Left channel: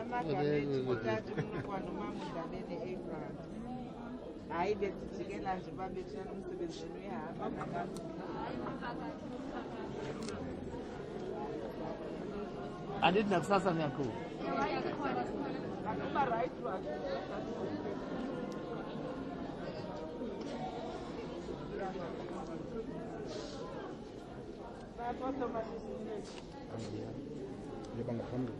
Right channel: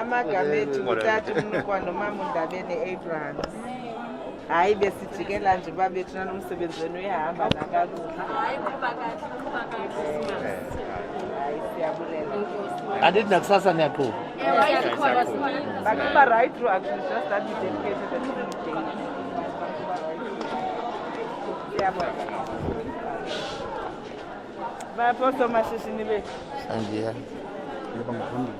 Amagamethi uthatha umnukwana nomama uNdabeni Abrams. Hayi besijikela nje babethuna nomsebenzi wenu uyahamba nakakuhle. Hayi kuba kahle. Andithi nakusasa niyaqhuba. Bakuba right through actually just that we dedicated the day. Siyabonga. Baphoso mashishini bethu. Sandiya. Yebo ngaphambili.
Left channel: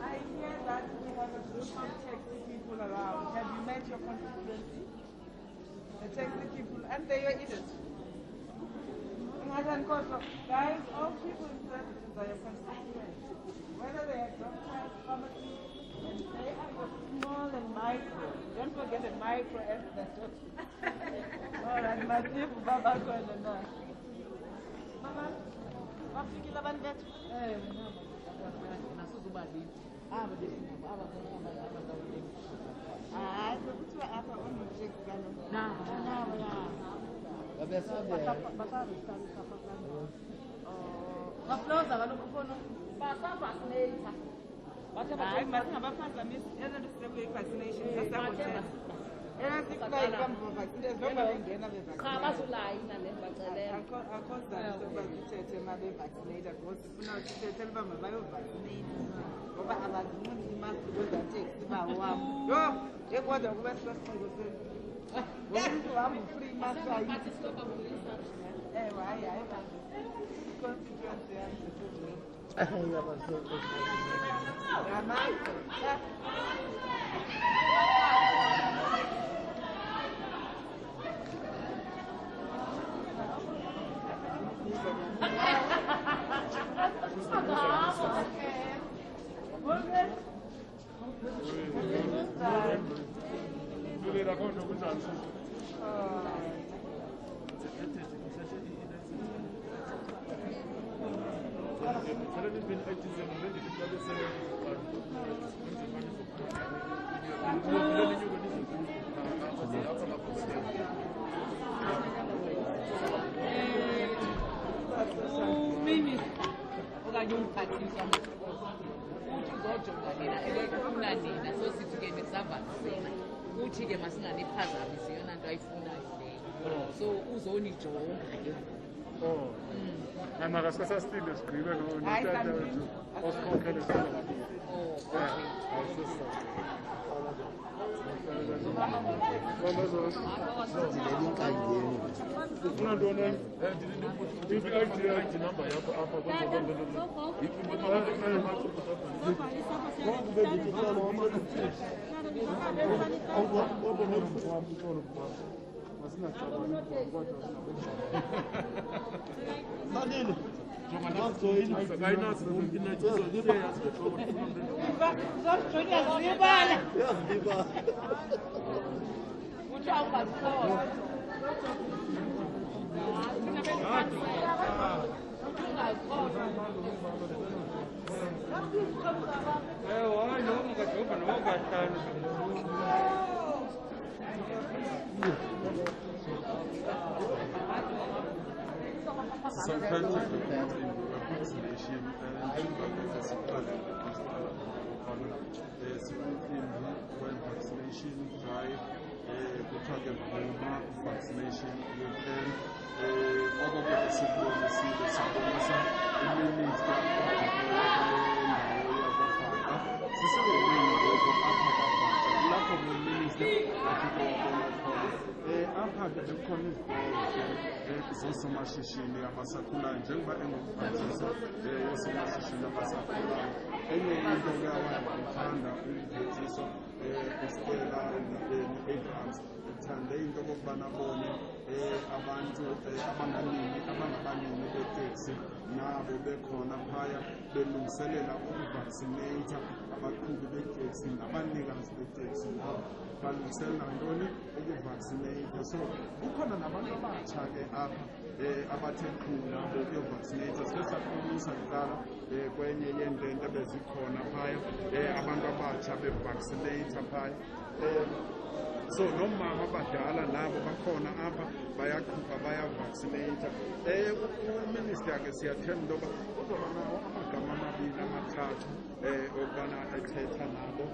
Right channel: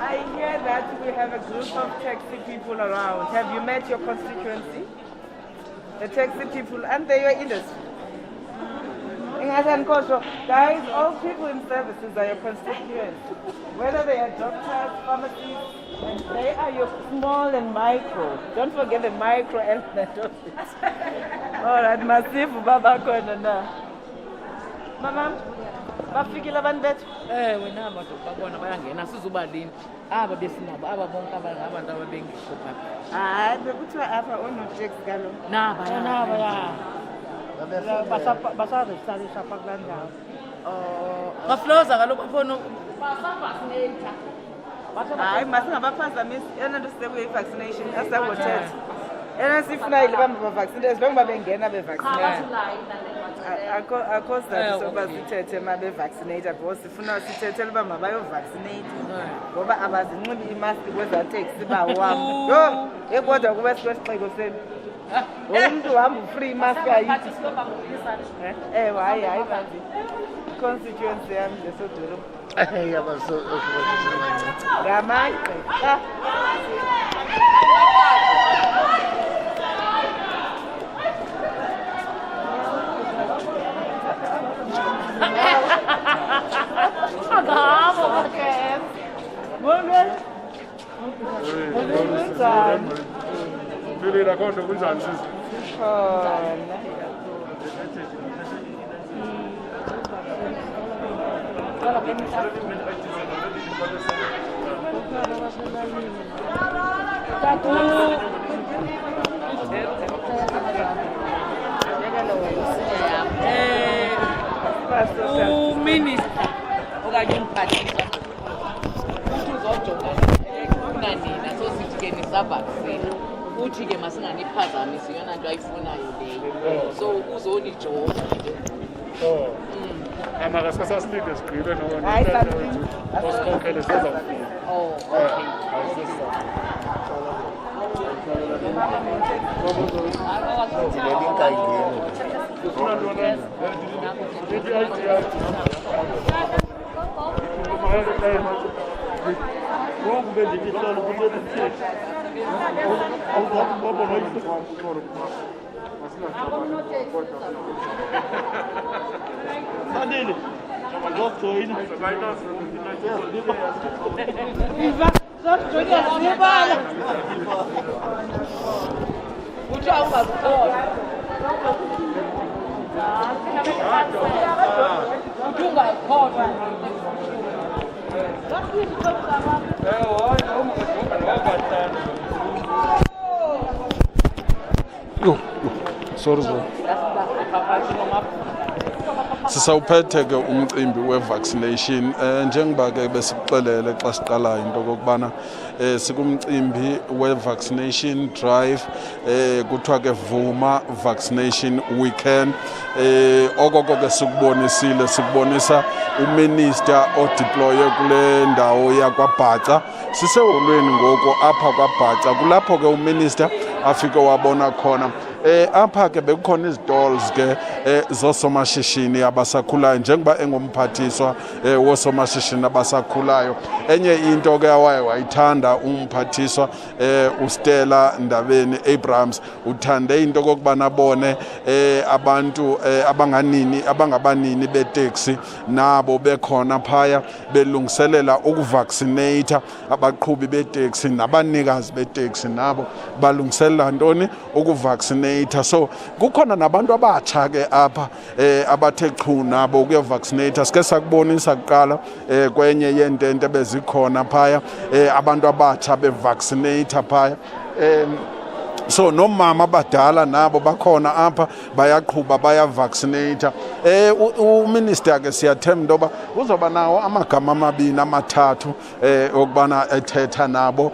I hear that we have a group of taxi people around. Have you met your constituency? The taxi people, and they your industry. Guys, all people in services are your constituents. Whether they are doctors, pharmacists, and they are your small and micro. Don't forget the micro element of it. All right, massive baba kona na. Mama, bafikile abantu bethu? Wena abantu babona bayangena sizubalini. Aba besinabo aba bonke abantu ababengekho phakathi. Hayi, bekuthiwa apha onotex kalo. Naba ya. Basazisalisha apha kulaa ndawo. Bafloza kaloku bafona basavaccinate. Hayi, masingabaphazamisi yona nto sisekuyo i-vaccination asawothetha. Yena sifuna ile bamba bavaccinate njengoba bengena bevaccinate. Akho sizathu sokuba sithethe uma bevaccinate because sifuna sithethele uba mabayovaccinate ngoba abazinxibi imaski kweza teksi bawam. Yho, ekodwa kube sikwesixeko senu. Umuntu uhamba free imaski ayithi. Ewe, hayi banzi. Constituency yami lesodolo. Ngamaqe. Agamo, okay. Bonke. Philile akhondo kunjani sisi? Khona. Minister okanye umphathiswa uthi uzojonga kunanina sosithi ke nisavaccine uthi ke masinganiphazamisi yona nto ayifunayo leyo so uzonijonga Amakasasa silinde sigqibe nona. Hayi Osikhokhele sizawufika. Sadele. Zokujoyina. Zokujoyina zibala. Uthi awubakhona. Sorry bro. Sisawuphethe ke umcimbi we-vaccination njengoba ke besikuxelele xa siqalayo into okokubana sikumcimbi we-vaccination drive kuthiwa ke VOOMA Vaccination Weekend okoko ke sikubonisa uminister odeploye kule ndawo yakwaBhaca siseholweni ngoko apha kwaBhaca kulapho ke uminister afike wabona khona apha ke bekukhona izitolls ke zosomashishini abasakhulayo njengoba engumphathiswa wosomashishini abasakhulayo enye into ke wayithanda umphathiswa uStella Ndabeni Abrams uthande into kokubana bone abantu abangabanini beteksi nabo bekhona phaya belungiselela ukuvaccinate abaqhubi beteksi nabanikazi beteksi nabo balungiselela ntoni ukuvaccinate vaccinate. So kukhona nabantu abatsha ke apha abathe chu nabo ukuya vaccinate. Sike sakubonisa kuqala kwenye yentente bezikhona phaya abantu abatsha bevaccinate phaya. So nomama abadala nabo bakhona apha bayaqhuba bayavaccinate. Uminister ke siyathemba into yoba uzoba nawo amagama amabini amathathu okubana ethetha nabo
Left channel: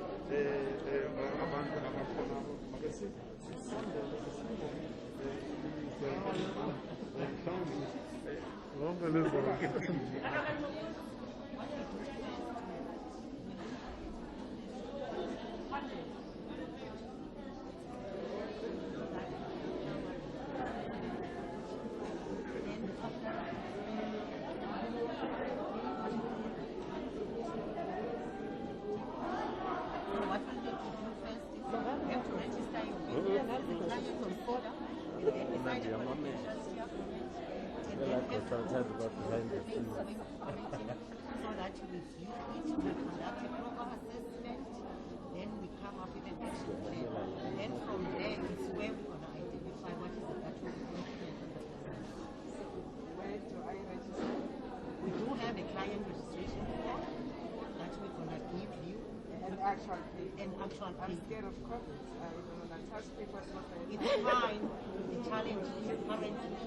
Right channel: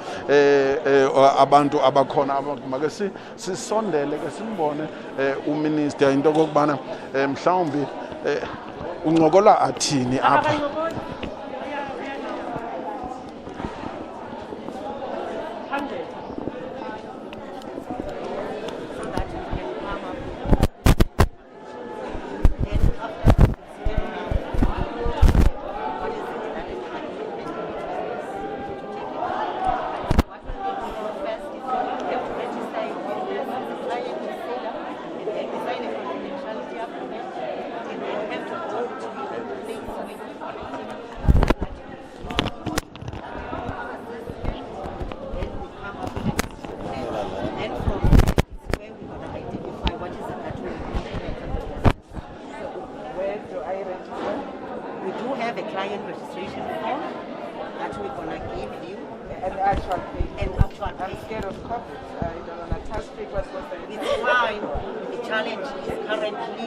abantu abakhona. Make sisondele ke simbone uminister into okubana mhlawumbi uncokola athini apha. I'm scared of COVID. I don't want to touch people. It's fine. The challenge is currently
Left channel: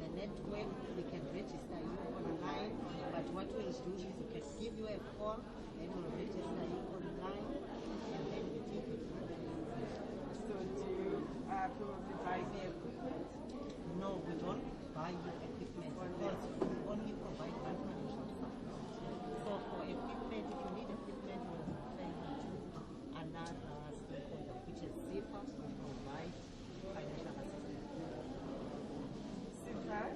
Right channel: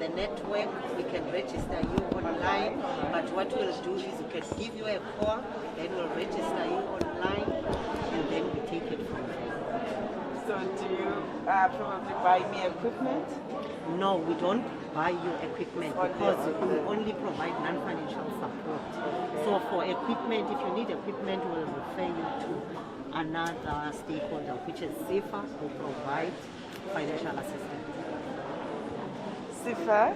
the network. We can register you online, but what we'll do is we can give you a call, then we'll register you online, and then we take it from there. So do you probably buy me equipment? No, we don't buy you equipment because we only provide non-financial support. So for equipment, if you need equipment, we'll refer you to another stakeholder, which is SIFA, who provide financial assistance. SIFA?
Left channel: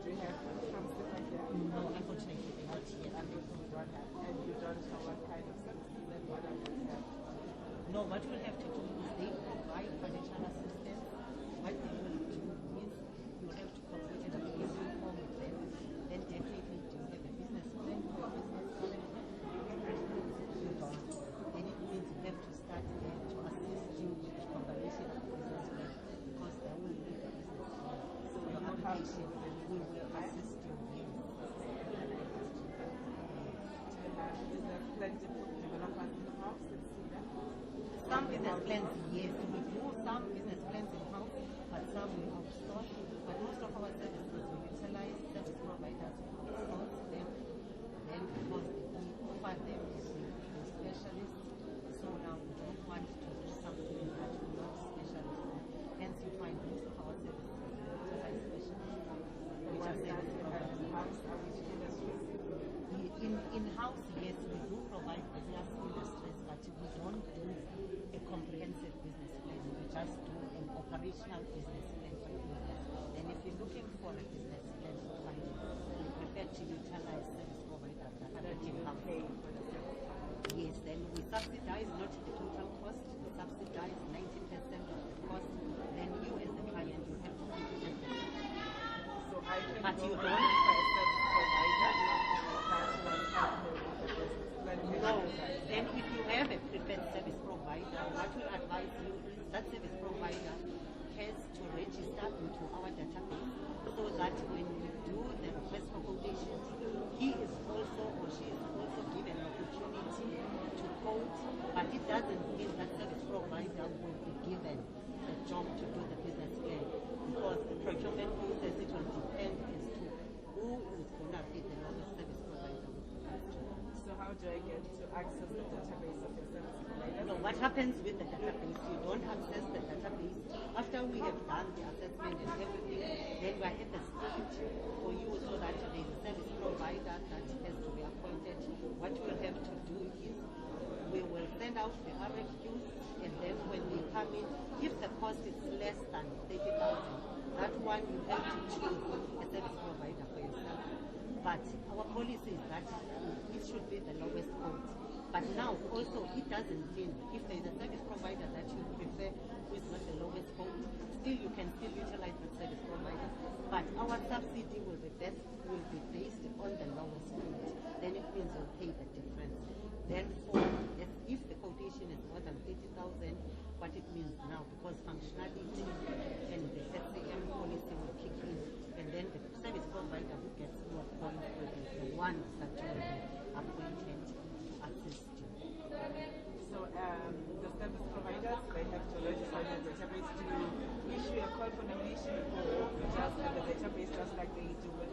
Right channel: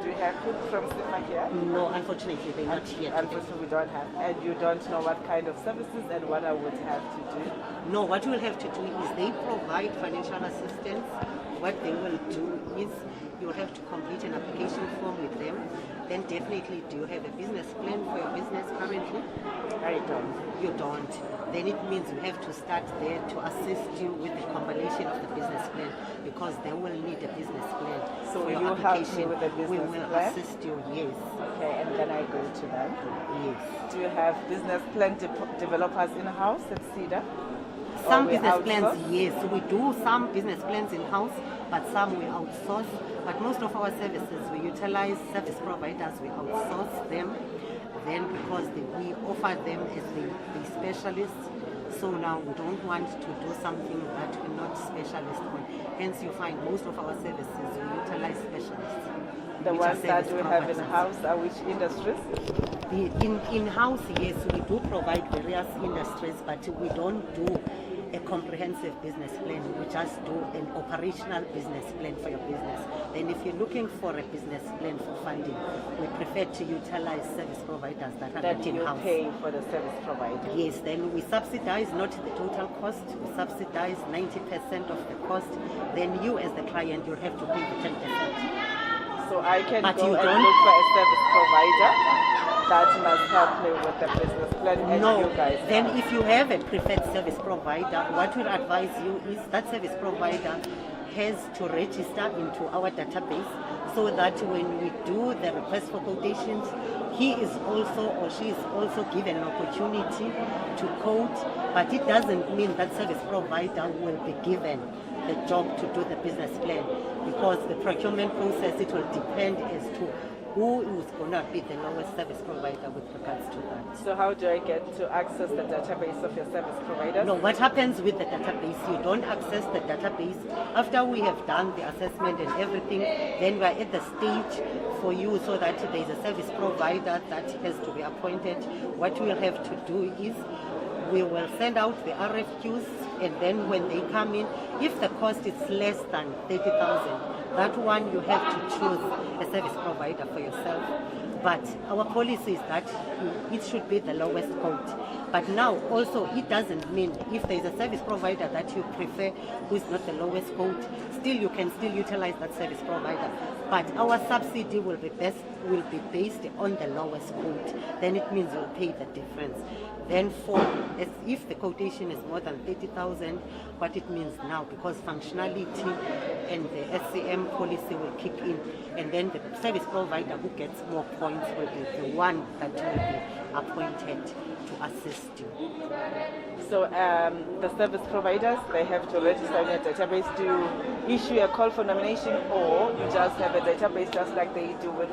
Do you have people from SIFA here? No, unfortunately, they're not here. Unfortunately, we don't have. And you don't know what kind of services and what I would have to do? No, what you will have to do is they provide financial assistance. What they will do is you will have to complete an application form with them. Then definitely, do you have a business plan for your business currently? I don't. You don't. Then it means you have to start there to assist you with the compilation of the business plan, because they will need a business plan. So for your you help me with the business we will plan? assist you, yes. Okay, and then I go to them? Yes. Do you have business plan developers in-house at CEDA? Some business plans, yes. We do some business plans in-house, but some we outsource. But most of our services, we utilize service providers, we outsource them. Then because we offer them as the specialists, so now we don't want to do something that we're not specialists on. Hence you find most of our services, we utilize specialists. The ones that we have in-house are which industries? In-house, yes, we do provide various industries, but we don't do a comprehensive business plan. We just do an operational business plan for your business. Then if you're looking for a business plan for funding, we prefer to utilize service providers that are not in-house. You pay for the service provider? Yes, then we subsidize not the total cost, we subsidize 90% of the cost. Then you as the client, you'll have to pay the 10%. So I can go and look for a service provider that must help me with the business plan and no, you guys. Then if you have a preferred service provider, what we'll advise you is that service provider has to register into our database, so that when we do the request for quotations, he is also or she is also given an opportunity to quote, but it doesn't mean that service provider will be given the job to do the business plan, because the procurement process, it will depend as to who is going to be the lowest service provider with regards to that. So how do I get to access the database of your service providers? No, what happens with the database, you don't access the database. After we have done the assessment and everything, then we are at the stage for you so that there is a service provider that has to be appointed. What we will have to do is we will send out the RFQs, and then when they come in, if the cost is less than 30,000, that one you have to choose a service provider for yourself. But our policy is that it should be the lowest code. But now also it doesn't mean if there is a service provider that you prefer who is not the lowest code, still you can still utilize that service provider. But our subsidy will be based on the lowest code. Then it means you'll pay the difference. Then if the quotation is more than 30,000, what it means now, because functionality and the SCM policy will kick in, and then the service provider who gets more points will be the one that will be appointed to assist you. So the service providers, they have to register in a database to issue a call for nomination, or you just have a database just like they do with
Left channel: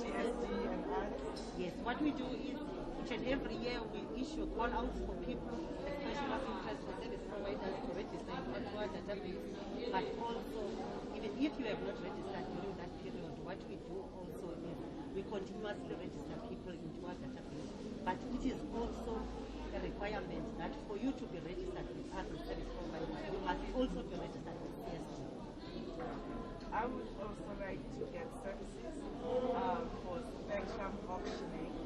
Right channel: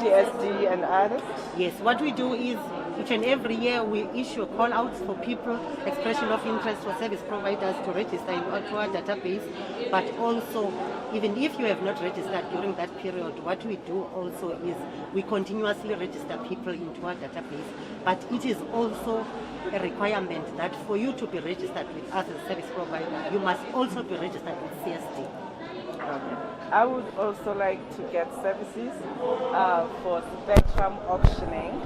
CSD and others? Yes, what we do is each and every year we issue call outs for people, expression of interest for service providers to register into our database. But also, even if you have not registered during that period, what we do also is we continuously register people into our database. But it is also a requirement that for you to be registered with us as a service provider, you must also be registered with CSD. Okay. I would also like to get services for spectrum auctioning,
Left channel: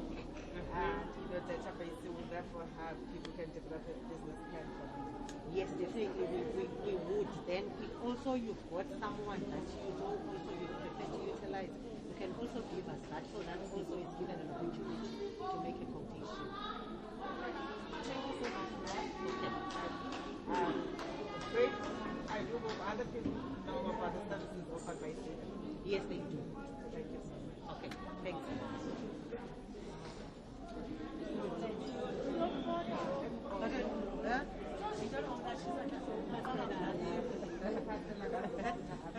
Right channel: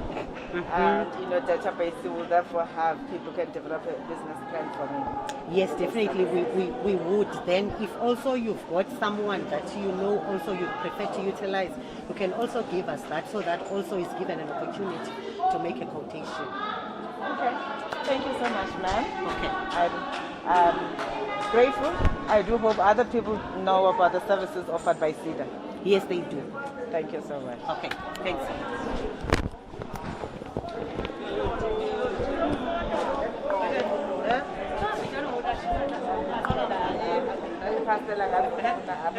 and database will therefore have people can develop a business plan for me. Yes, definitely we would. Then if also you've got someone that you know also you prefer to utilize, you can also give us that, so that also is given an opportunity to make a quotation. Okay. Thank you so much, ma'am. Okay. I'm grateful. I do hope other people know about the services offered by CEDA. Yes, they do. Thank you so much. Okay, thanks.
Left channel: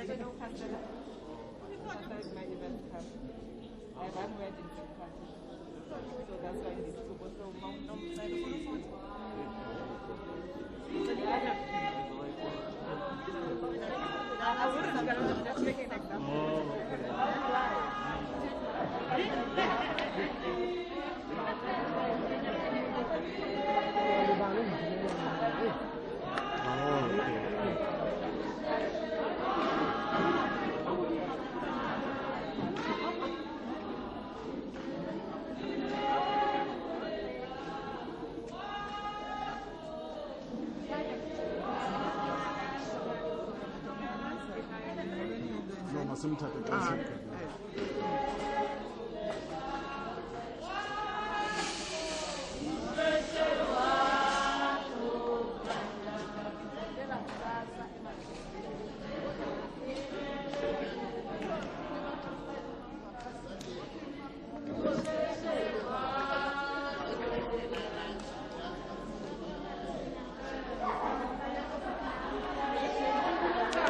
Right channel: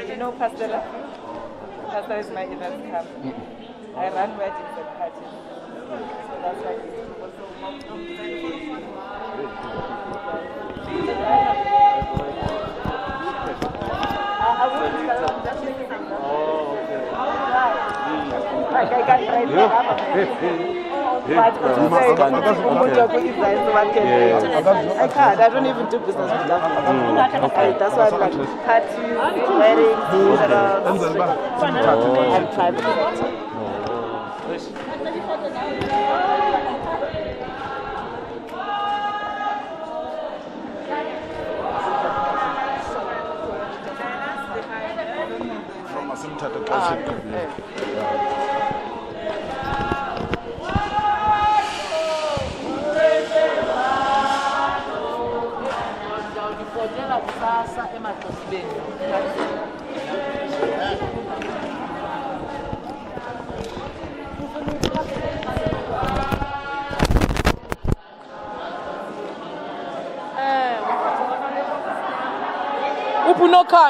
You know Pastela? Pastela is my event camp. I run weddings and parties. So that's why I don't even do business with that. That's why I'm like parties, weddings, and private. Upunokanya